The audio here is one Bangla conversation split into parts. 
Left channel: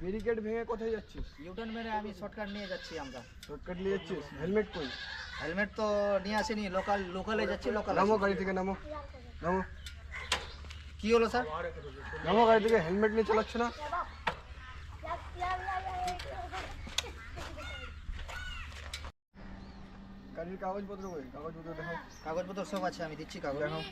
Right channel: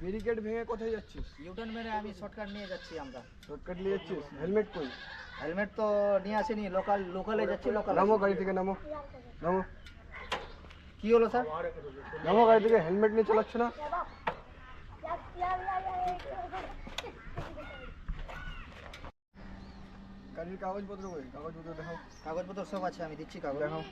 ব্যারিকেড ভেঙে কোথায় যাচ্ছিস? ইউটার্ন মেরে আমি শর্টকাট নিয়ে যাচ্ছি আমরা। শর্টকাট নিয়ে যাচ্ছিস? হেলমেট কই? হেলমেট তো নিয়ে আসেনি, লোকালে যাচ্ছি। নামো গাড়ি থেকে, নামো। কি হলো স্যার? নামো গাড়ি থেকে, হেলমেট নিয়ে চালাচ্ছ না? গাড়ির কাগজপত্র কই? কাগজপত্র দেখাও। কাগজপত্র সব আছে, আমি দিচ্ছি কাগজ। দেখাও।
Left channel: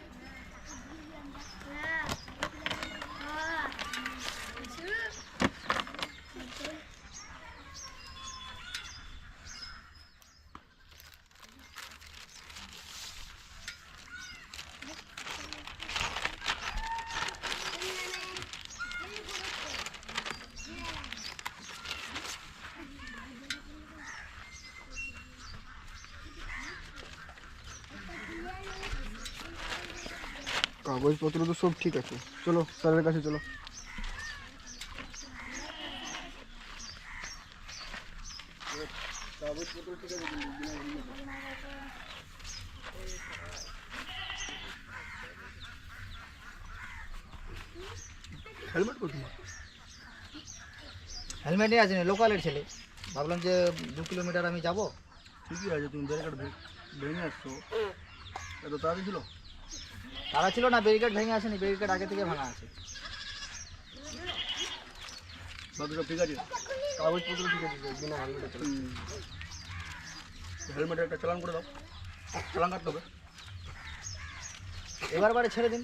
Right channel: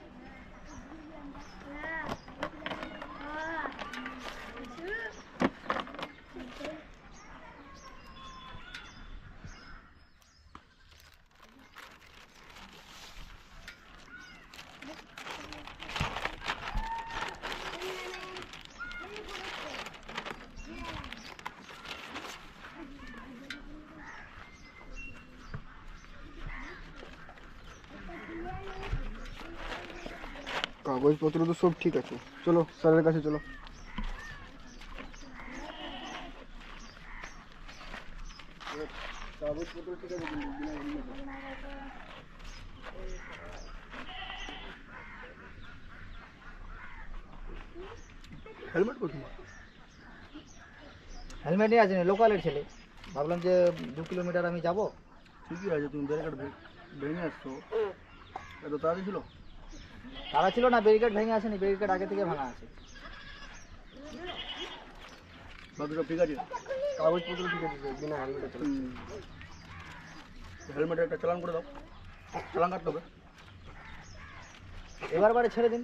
কাগজপত্র তো সব ঠিক আছে, চলো স্যারের কাছে চলো। কাগজপত্র ঠিক আছে কিন্তু হেলমেট কোথায়? হেলমেট নিয়ে আসেনি, লোকালের ছেলে। ভাবলাম যে 2 কিলোমিটার আমি যাব। ঠিকই আছে, তুমি ব্যারিকেড ভেঙে আসছো, এত তাড়াতাড়ি ছিল? তারা ছিল না, ব্যারিকেড ভেঙে আসেনি, ব্যারিকেড আগে থেকে ভাঙা আছে। বাকি সব ঠিক আছে? কাগজপত্র ঠিক আছে, বিনা হেলমেটে চলো। হেলমেটে একটা চালান করে দাও, চালান কাটতে হবে। এবারে ছেড়ে দিন।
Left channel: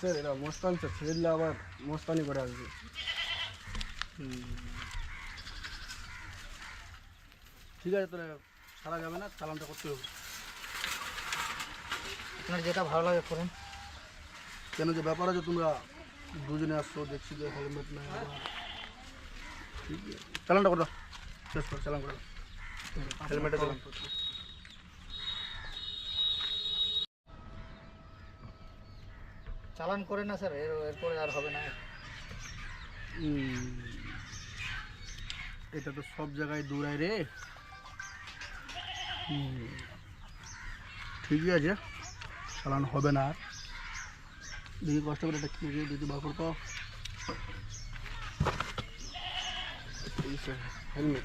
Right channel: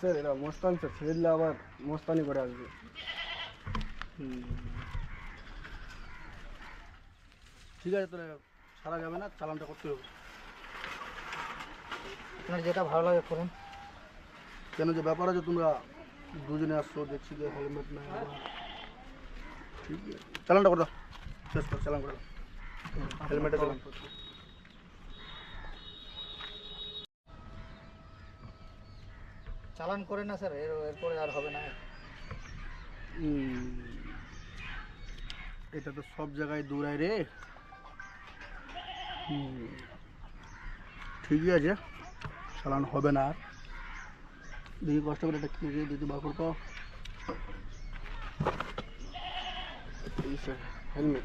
স্যার এরা মস্তান, স্যার ছেড়ে দিলে আবার মস্তানি করে আসবে। ঠিক আছে, তাহলে ছাড়া যাবে না, চালানটা করতে হবে। আপনার যেটা ভালো লাগে করুন। কেন যে ব্যাপার আছে, তোমরা দুজনে আসছো, দেখছি যে হেলমেট নাই আবার। ঠিক আছে, চালানটা করে দাও, শেষ করো, চালান করে দাও। হেলমেটে চালান করছো। চালান করে না স্যার, এরপরে আর হবে না। এটা তো সব জায়গায় দৌড়ায় রে। ঠিকই আছে, চালান হবে না আর। দেখি কষ্ট করে একটা কিনে দিতে বার করতো। হেলমেট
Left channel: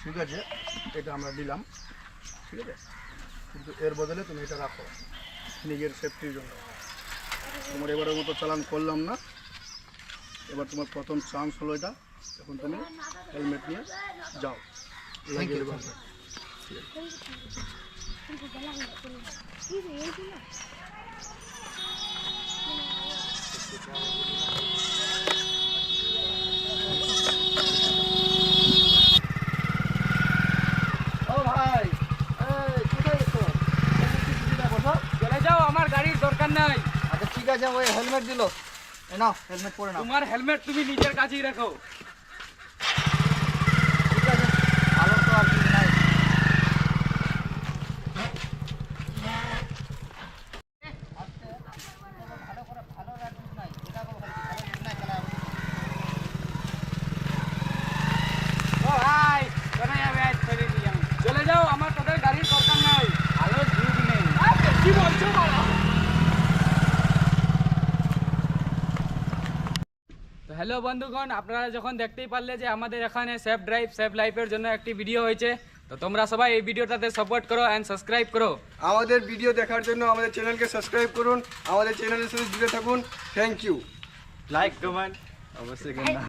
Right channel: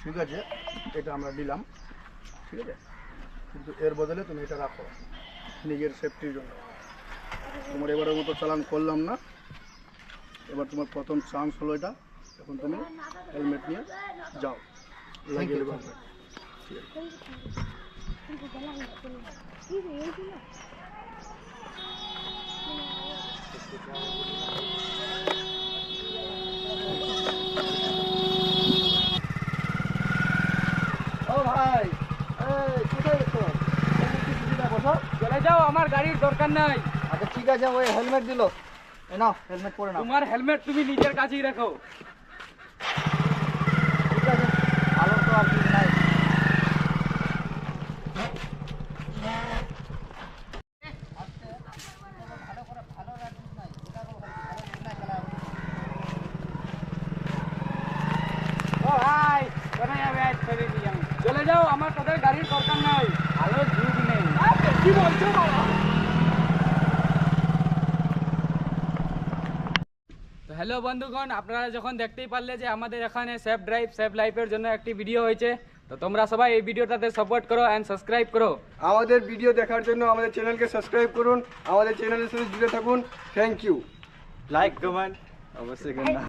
ঠিক আছে, এটা আমরা দিলাম, ঠিক আছে, কিন্তু এর বদলে তুমি এটা রাখো নিজের সেফটির জন্য। তোমার এবারের মতো চালান করলাম না, এবার তোমার প্রথম চান্স হলো এটা। এখন তুমি হেলমেট নিয়ে যাও, লাগিয়ে দেবো। ও ভাই, কোথায় গেছো? চলে যাও, আমার গাড়ির দরকার নাই। আচ্ছা ঠিক আছে, ওই হেলমেট দিল, এ নাও হেলমেট পরে নাও। তোমার হেলমেট তুমি নিজের কাছেই রাখো। ঠিক আছে, ভালো তো আর কিছু নাই। ও ভাই, চলে যাবে, আজ ছেড়ে দিই আমি। চলে যাও, আমার তোদের গাড়ির দরকার নাই। ভালো যুগ নেই। কি বলছো বাবা? তো হ্যালো বন্ধুগণ, আপনারা যখন দেখতেই পারলে যে আমাদের এখানে সেফ ড্রাইভ সেফ লাইফের জন্য একটি ভিডিও হয়েছে, তো তোমরা সবাই এই ভিডিওটাতে সাপোর্ট করো এন্ড সাবস্ক্রাইব করো। আমাদের ভিডিও দেখার জন্য আমাদের চ্যানেলকে সাবস্ক্রাইব করুন, আমাদের চ্যানেলের সাথে জুড়ে থাকুন। Thank you. লাইক কমেন্ট অবশ্যই করুন।